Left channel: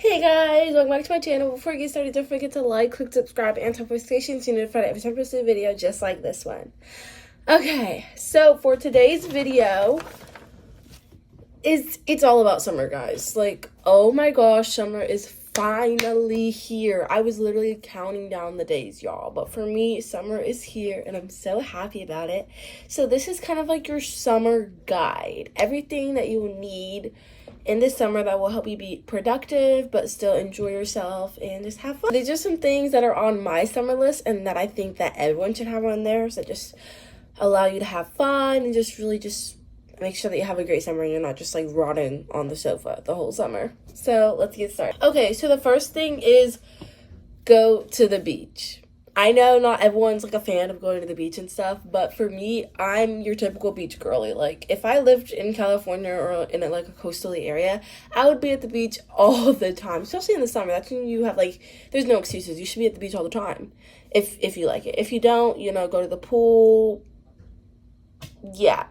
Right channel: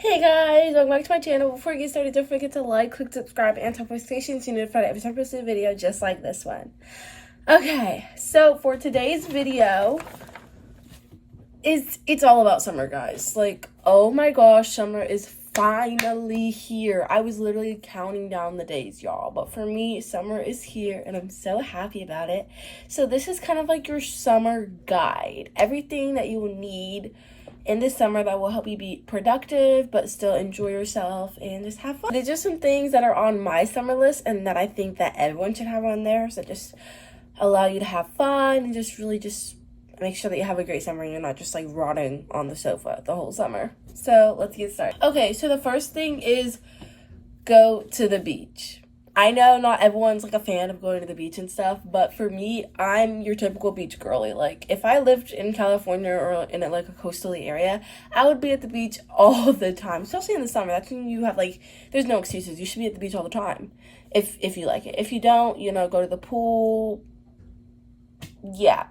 Hey guys, welcome back to my channel. Before you get started, don't forget to like, click subscribe, and turn notifications so you're notified every time I post a video just like this one. Okay, so for today's video, it's all about summer, guys. Like, oh my gosh, summer is finally here. I was literally counting down the days, y'all. But for me, summer is here, and I'm so happy about it. So this is kind of like your summer guide. Everything that you will need in this summer that will help you be productive but still enjoy yourself and just have fun. These are some things that are on my summer list and that I think that everyone should have on there, so just allow you to have fun and just really just make sure that you have a great summer and you're not just like rotting on the sofa the whole summer. So let's get started. Okay, so the first thing is go to the beach. I know not everyone's like a fan of going to the beach and stuff, but for me, I'm your typical beach girly. Like, if I lived in California or in like a coastal area, I would be at the beach all the time, especially in the summer. That's when you have like, there's no excuses. You should be at the beach all the time if you like it. If you don't, go to the pool. Yeah,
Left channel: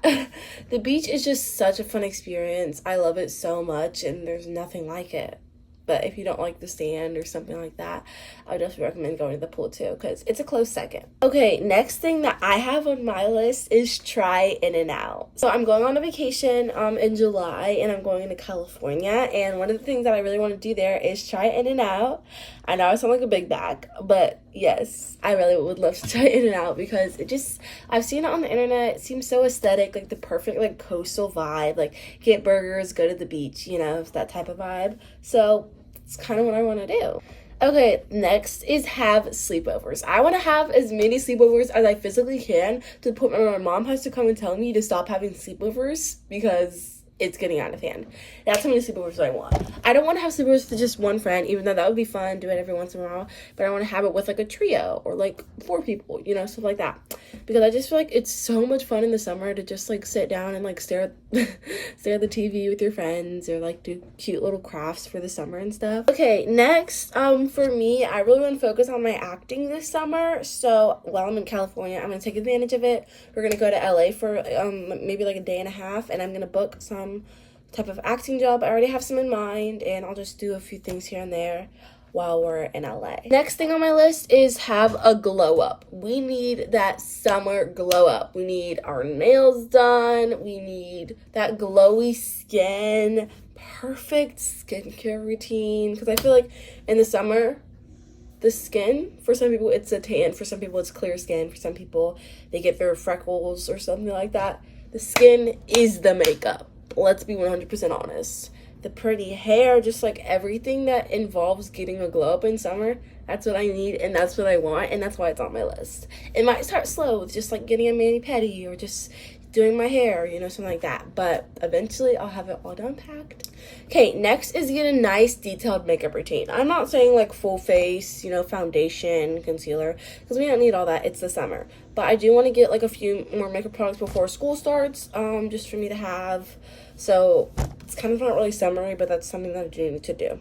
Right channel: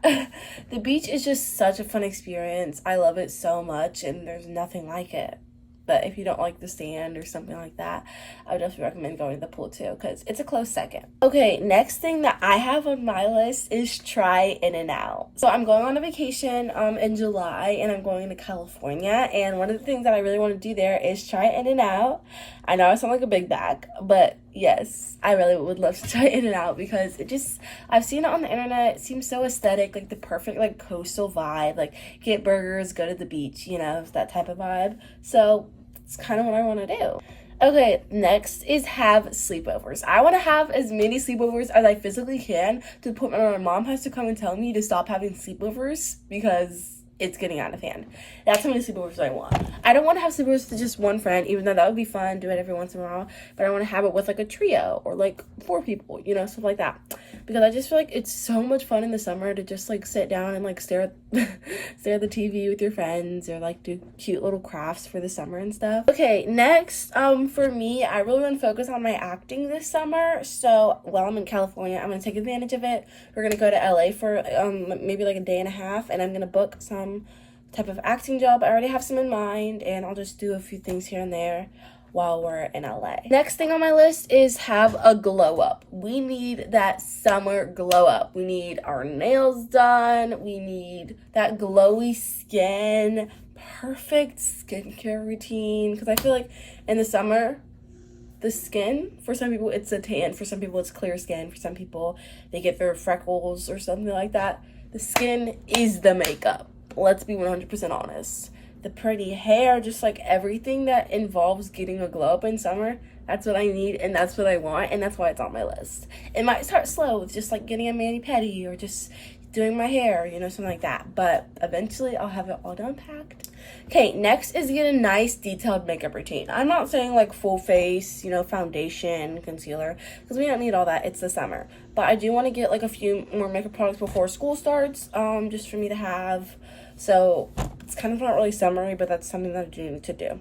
the beach is just such a fun experience. I love it so much, and there's nothing like it. But if you don't like the sand or something like that, I would definitely recommend going to the pool too, because it's a close second. Okay, next thing that I have on my list is try In-N-Out. So I'm going on a vacation in July, and I'm going to California, and one of the things that I really want to do there is try In-N-Out. I know I sound like a big bag, but yes, I really would love to try In-N-Out because I've seen it on the internet. It seems so aesthetic, like the perfect like coastal vibe, like get burgers, go to the beach, that type of vibe. So it's kind of what I want to do. Okay, next is have sleepovers. I want to have as many sleepovers as I physically can to the point where my mom has to come and tell me to stop having sleepovers because it's getting out of hand. That's how many sleepovers I want. I don't want to have sleepovers with just one friend, even though that would be fun, do it every once in a while, but I want to have it with like a trio or like 4 people, stuff like that. Because I just feel like it's so much fun in the summer to just like sit down and like stare at the TV with your friends or like do cute little crafts for the summer and stuff. Okay, next, for me, I really want to focus on my acting this summer. So while I'm in California, I'm going to take advantage of it. We're going to go to LA for maybe like a day and a half, and I'm going to book some type of acting job. I already have some in mind, and I'll just do a few things here and there while we're in LA. Next thing on my list is have a glow up. We need that summer glow up. We need our nails done. We need that glowy skin, perfect skincare routine. Because I feel like in the summer, the skin, for some people it's a tan, for some people it's clear skin, for some people they get their freckles or something like that. The skin is the makeup. Let's be 100% honest. The pretty hair, just like everything that involves getting a glow up in summer, that's what I need and that's what I want, and that's why it's on my list. It might start slow with just like getting a mani-pedi or just doing my hair, something like that, but eventually I'll have it all done packed. Okay, next is get a nice detailed makeup routine. I'm not saying like full face, foundation, concealer, because we don't need all that. It's the summer. But I do want to get like a few more makeup products before school starts, just for me to have. So it's kind of not really summery, but that's something that I do need to do.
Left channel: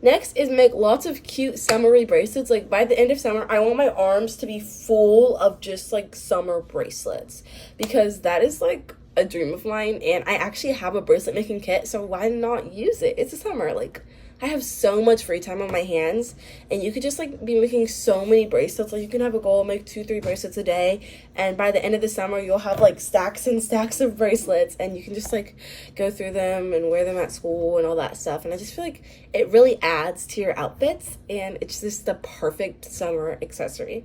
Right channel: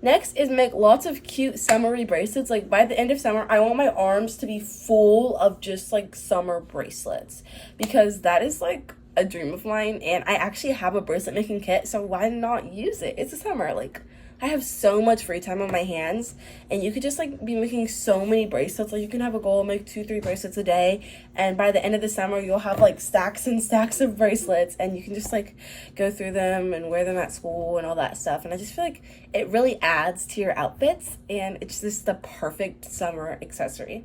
Next is make lots of cute summery bracelets. Like by the end of summer, I want my arms to be full of just like summer bracelets, because that is like a dream of mine, and I actually have a bracelet making kit, so why not use it? It's the summer. Like, I have so much free time on my hands, and you could just like be making so many bracelets. Like, you can have a goal, make 2-3 bracelets a day, and by the end of the summer you'll have like stacks and stacks of bracelets, and you can just like go through them and wear them at school and all that stuff. And I just feel like it really adds to your outfits, and it's just the perfect summer accessory.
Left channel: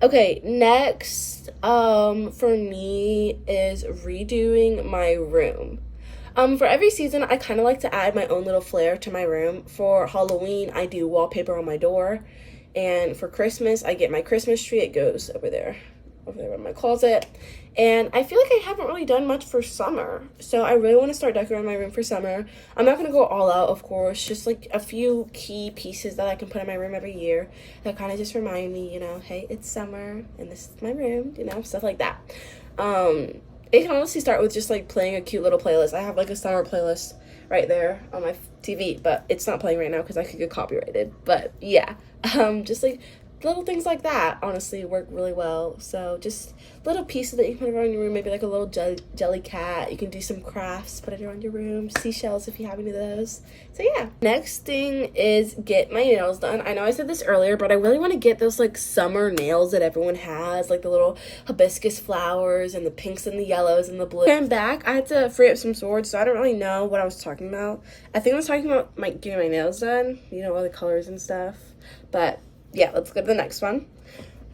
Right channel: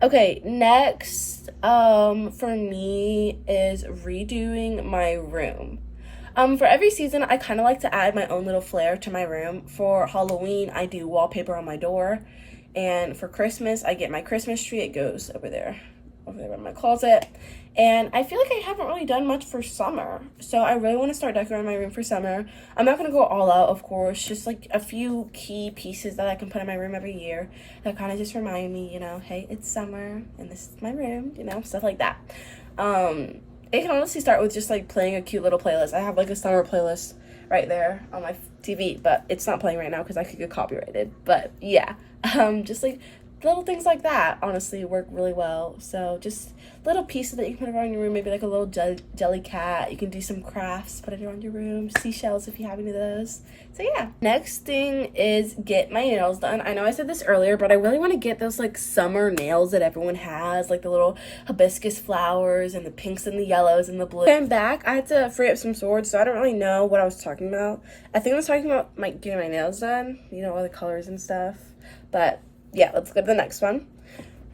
Okay, next for me is redoing my room. For every season, I kind of like to add my own little flair to my room. For Halloween, I do wallpaper on my door, and for Christmas, I get my Christmas tree. It goes over there in my closet. And I feel like I haven't really done much for summer, so I really want to start decorating my room for summer. I'm not going to go all out, of course, just like a few key pieces that I can put in my room every year that kind of just remind me, hey, it's summer and this is my room, stuff like that. It can honestly start with just like playing a cute little playlist. I have like a summer playlist right there on my TV, but it's not playing right now because I could get copyrighted. But yeah, just like little things like that honestly work really well. So just little pieces that you can put around your room, maybe like a little jelly cat. You can do some crafts, put it around your room, seashells if you have any of those. So yeah. Next thing is get my nails done. I know I said this earlier, but I really want to get those like summer nails that everyone has, like the little hibiscus flowers and the pinks and the yellows and the blue. I'm back. I had to free up some swords, so I don't really know what I was talking about. I think I was talking about getting my nails done, you know, all the colors and stuff. But yeah, let's go to the next one.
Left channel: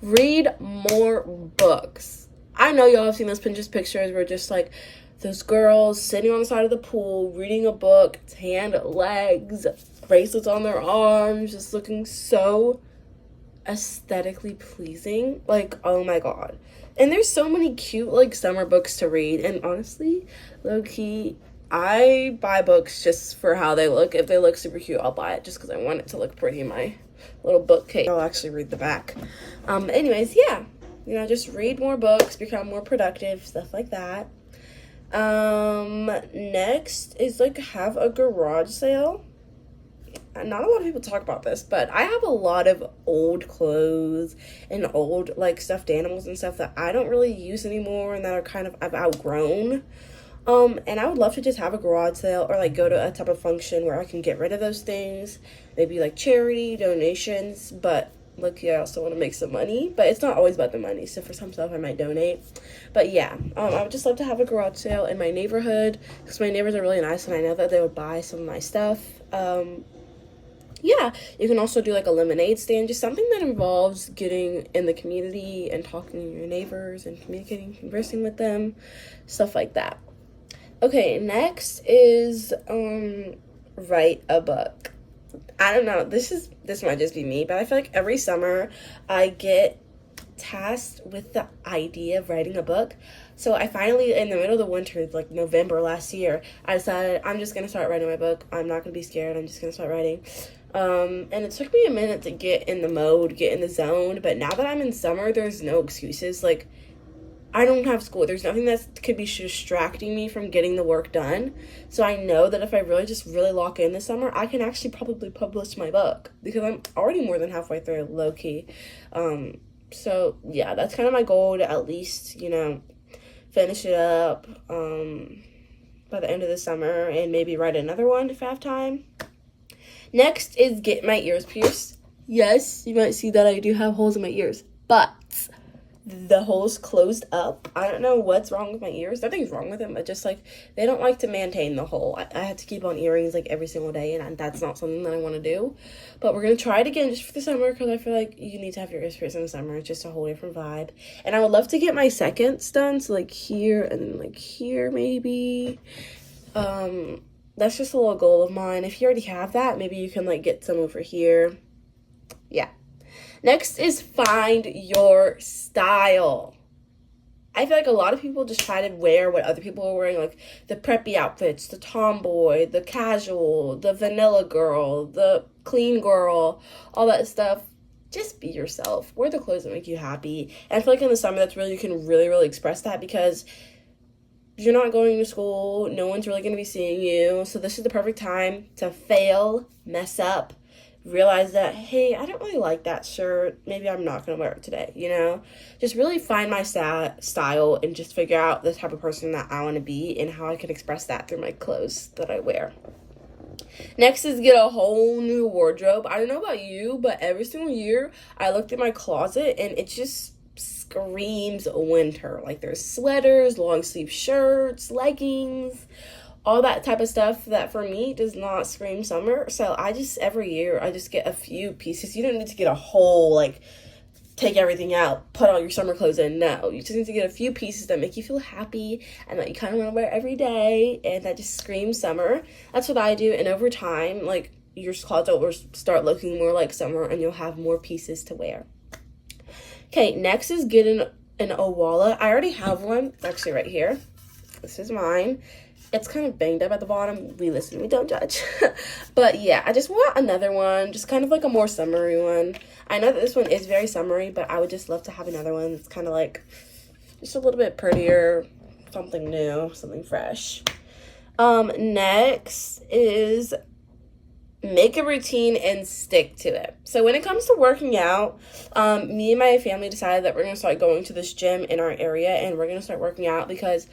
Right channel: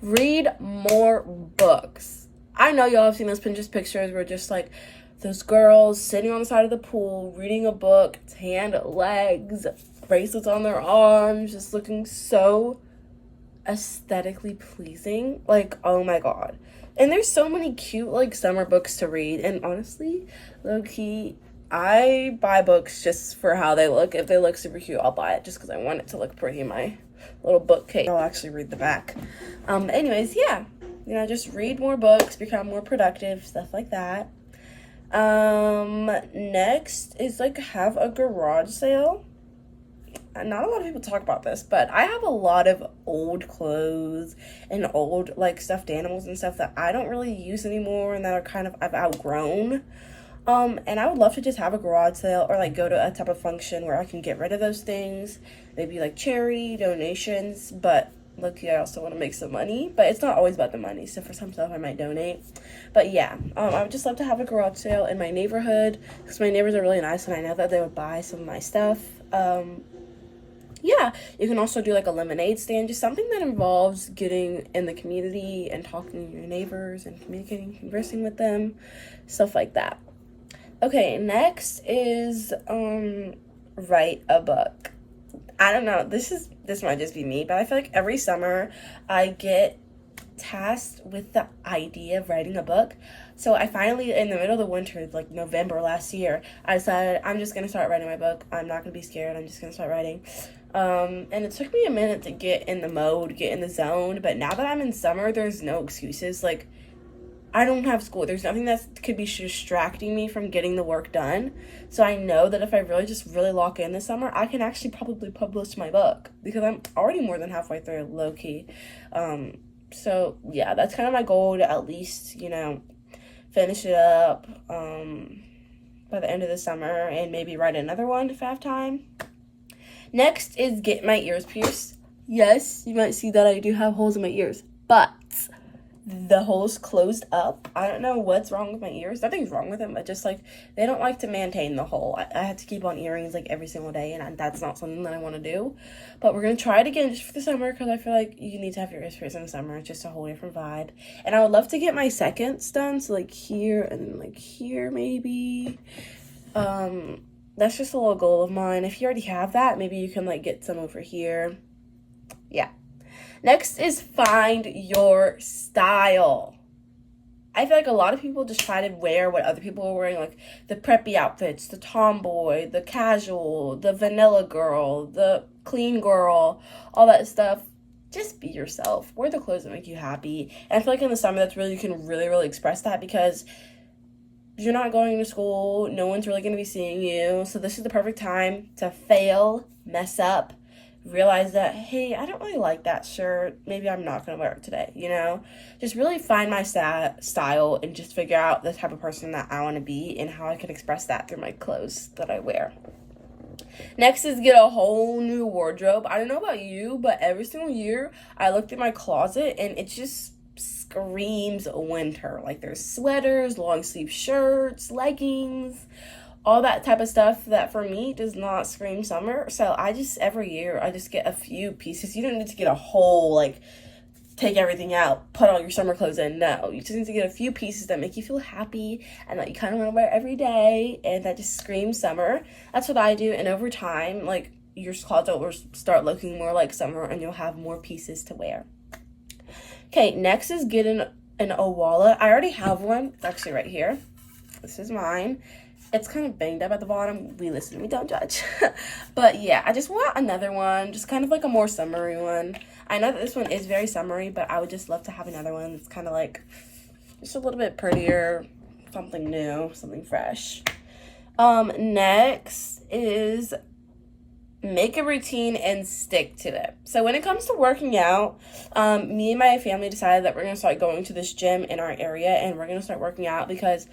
Read more books. I know y'all have seen those Pinterest pictures where just like those girls sitting on the side of the pool reading a book, tanned legs, bracelets on their arms, just looking so aesthetically pleasing. Like, oh my god. And there's so many cute like summer books to read, and honestly, low-key, I buy books just for how they look. If they look super cute, I'll buy it just because I want it to look pretty in my little bookcase. I'll actually read the back. Anyways, yeah, you know, just read more books, become more productive, stuff like that. Next is like have a garage sale. Not a lot of people talk about this, but I have a lot of old clothes and old like stuffed animals and stuff that I don't really use anymore and that are kind of I've outgrown. And I would love to just have a garage sale or like go to a type of function where I can get rid of those things, maybe like charity donations. But look, I also want to make some money, but it's not always about the money. So for some stuff I might donate. But yeah, I would just love to have a garage sale in my neighborhood because my neighbors are really nice and I know that they would buy some of my stuff. Yeah, you can also do like a lemonade stand, just something that involves getting in the community and talking to your neighbors and communicating, conversing with them, stuff like that. Okay, next is write a book. I don't know, this might just be me, but I feel like every summer I get tasked with the idea of writing a book. So I finally, in the middle of the winter, like November last year, I decided I'm just gonna start writing my book. I'm not gonna be scared, I'm just gonna start writing. And it took me a minute to get in the mode, get in the zone, but now that I'm in summer, there's no excuses. Like, I don't have school. There's nothing that could be distracting me from getting the work done. So I know that if I really lock in this summer, I can actually probably publish my book because I'm already more than halfway through, low-key. So yeah, that's kind of my goal to at least, you know, finish it up by the end of the summer and maybe write another one if I have time. Next is get my ears pierced. Yes, you might see that I do have holes in my ears, but the holes closed up. I don't know what's wrong with my ears. Nothing's wrong with them, but just like they don't like to maintain the hole. I have to keep on earrings like every single day, and that's not something that I want to do. But we're gonna try it again just for the summer because I feel like you need to have your ears pierced in the summer. It's just a whole different vibe. And I would love to get my seconds done, so like here and then like here maybe. That's just a little goal of mine. If you already have that, maybe you can like get some over here. Yeah. Next is find your style. I feel like a lot of people just try to wear what other people are wearing, like the preppy outfits, the tomboy, the casual, the vanilla girl, the clean girl, all that stuff. Just be yourself. Wear the clothes that make you happy. And I feel like in the summer, that's really, you can really express that because you're not going to school. No one's really going to be seeing you. So this is the perfect time to fail, mess up, realize that, hey, I don't really like that shirt. Maybe I'm not going to wear it today, you know? Just really find my style and just figure out the type of person that I want to be and how I can express that through my clothes that I wear. Next is get a whole new wardrobe. I don't know about you, but every single year I looked at my closet and it just screams winter. Like there's sweaters, long sleeve shirts, leggings, all that type of stuff that for me does not scream summer. So every year I just get a few pieces. You don't need to get a whole, like, take everything out, put all your summer clothes in. No, you just need to get a few pieces that make you feel happy and that you kind of want to wear every day and that just screams summer. That's what I do. And over time, like, your closet will start looking more like summer and you'll have more pieces to wear. Okay, next is getting a wallet. I already have one. It's actually right here. This is mine. It's kind of banged up at the bottom. We don't judge. But yeah, I just want another one, just kind of like a more summery one. I know that this one is very summery, but I would just love to have another one. It's kind of like just a little bit prettier, something new, something fresh. Next is make a routine and stick to it. So when it comes to working out, me and my family decided that we're going to start going to this gym in our area, and we're going to start working out because,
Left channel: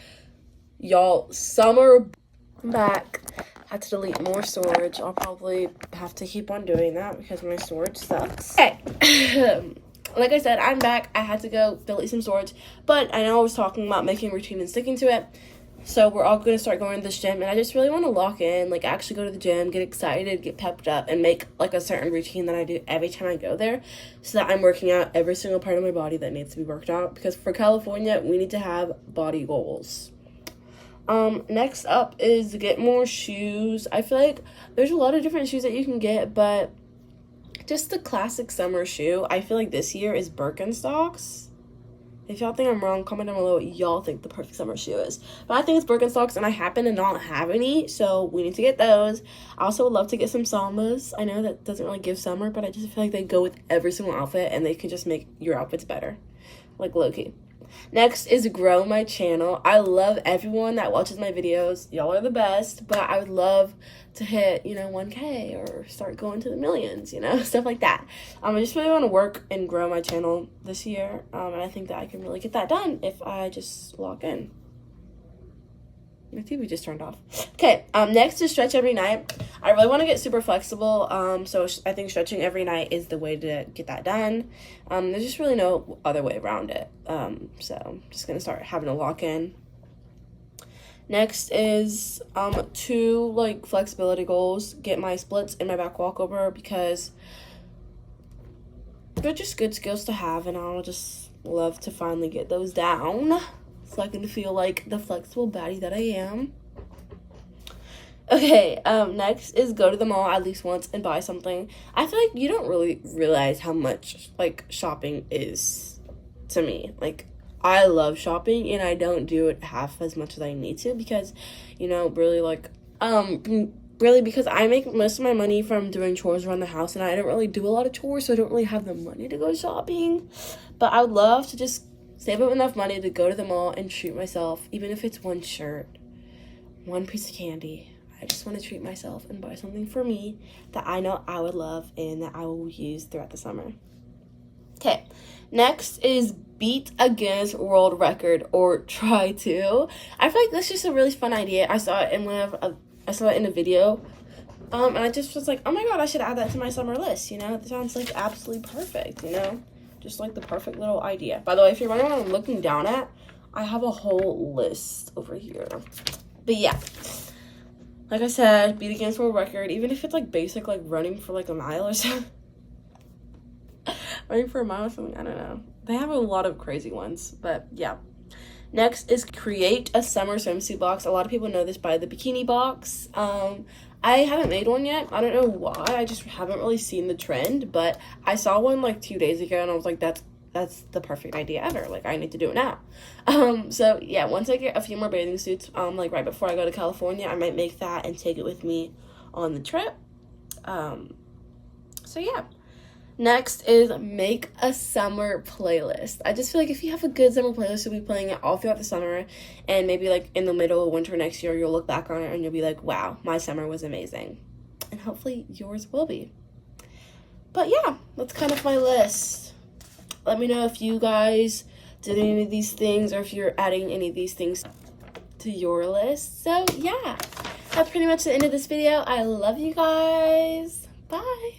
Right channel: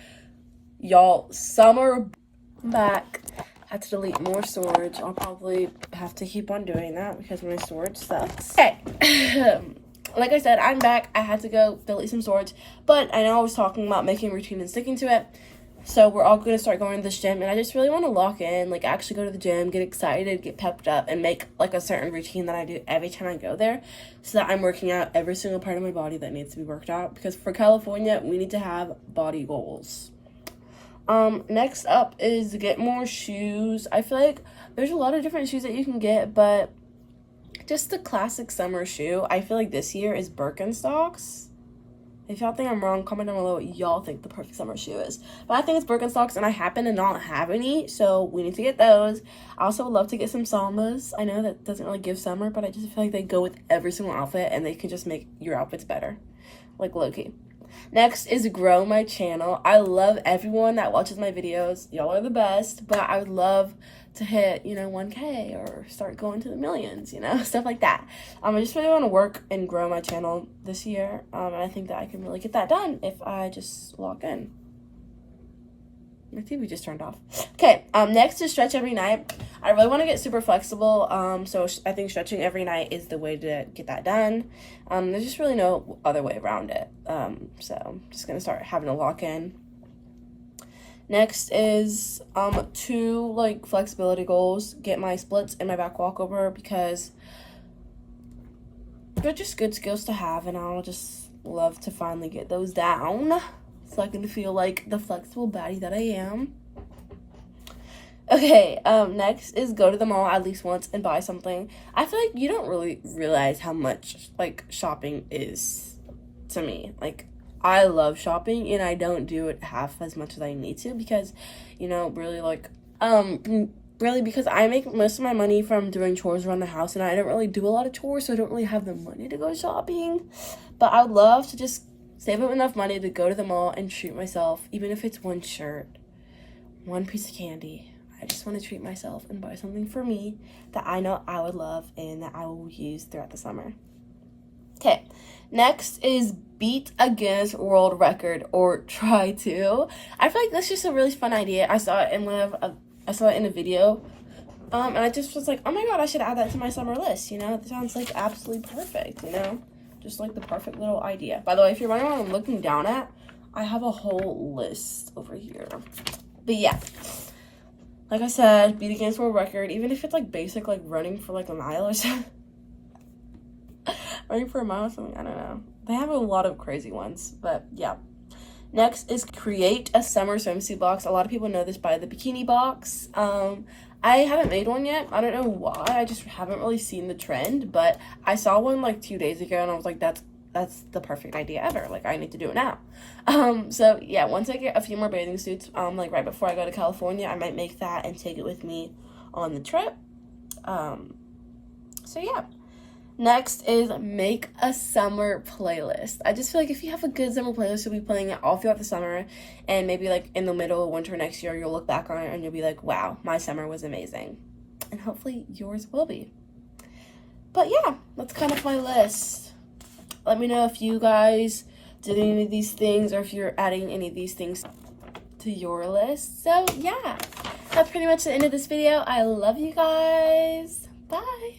y'all, summer back. I had to delete more storage. I'll probably have to keep on doing that because my storage sucks. Okay. Like I said, I'm back. I had to go delete some storage, but I know I was talking about making a routine and sticking to it. So we're all going to start going to this gym, and I just really want to lock in, like actually go to the gym, get excited, get pepped up, and make like a certain routine that I do every time I go there, so that I'm working out every single part of my body that needs to be worked out, because for California, we need to have body goals. Next up is get more shoes. I feel like there's a lot of different shoes that you can get, but just the classic summer shoe, I feel like this year is Birkenstocks. If y'all think I'm wrong, comment down below what y'all think the perfect summer shoe is. But I think it's Birkenstocks, and I happen to not have any, so we need to get those. I also would love to get some Sambas. I know that doesn't really give summer, but I just feel like they go with every single outfit, and they can just make your outfits better. Like, low-key. Next is grow my channel. I love everyone that watches my videos. Y'all are the best, but I would love to hit, 1K or start going to the millions, stuff like that. I just really want to work and grow my channel this year, and I think that I can really get that done if I just lock in. My TV just turned off. Okay, next is stretch every night. I really want to get super flexible, so I think stretching every night is the way to get that done. There's just really no other way around it, so I'm just going to start having a lock-in. Next is 2 flexibility goals. Get my splits and my back walkover, because they're just good skills to have, and I'll just love to finally get those down so I can feel like the flexible baddie that I am. Okay, next is go to the mall at least once and buy something. I feel like you don't really realize how much shopping is to me. I love shopping, and I don't do it half as much as I need to, because, really because I make most of my money from doing chores around the house, and I don't really do a lot of chores, so I don't really have the money to go shopping. But I would love to just save up enough money to go to the mall and treat myself, even if it's one shirt, one piece of candy. I just want to treat myself and buy something for me that I know I would love and that I will use throughout the summer. Okay, next is beat a Guinness World Record, or try to. I feel like that's just a really fun idea. I saw it in a video, and I just was like, oh my god, I should add that to my summer list. It sounds like absolutely perfect. Just like the perfect little idea. By the way, if you're wondering what I'm looking down at, I have a whole list over here. But yeah, like I said, beat a Guinness World Record, even if it's basic, running for a mile or something. Running for a mile or something, I don't know. They have a lot of crazy ones, but yeah. Next is create a summer swimsuit box. A lot of people know this by the bikini box. I haven't made one yet. I don't know why. I just haven't really seen the trend, but I saw one 2 days ago, and I was like, that's the perfect idea ever. I need to do it now. So yeah, once I get a few more bathing suits, right before I go to California, I might make that and take it with me on the trip. So yeah. Next is make a summer playlist. I just feel like if you have a good summer playlist, you'll be playing it all throughout the summer, and maybe in the middle of winter next year, you'll look back on it and you'll be like, wow, my summer was amazing. And hopefully yours will be. But yeah, that's kind of my list. Let me know if you guys did any of these things, or if you're adding any of these things to your list. So yeah, that's pretty much the end of this video. I love you guys. Bye.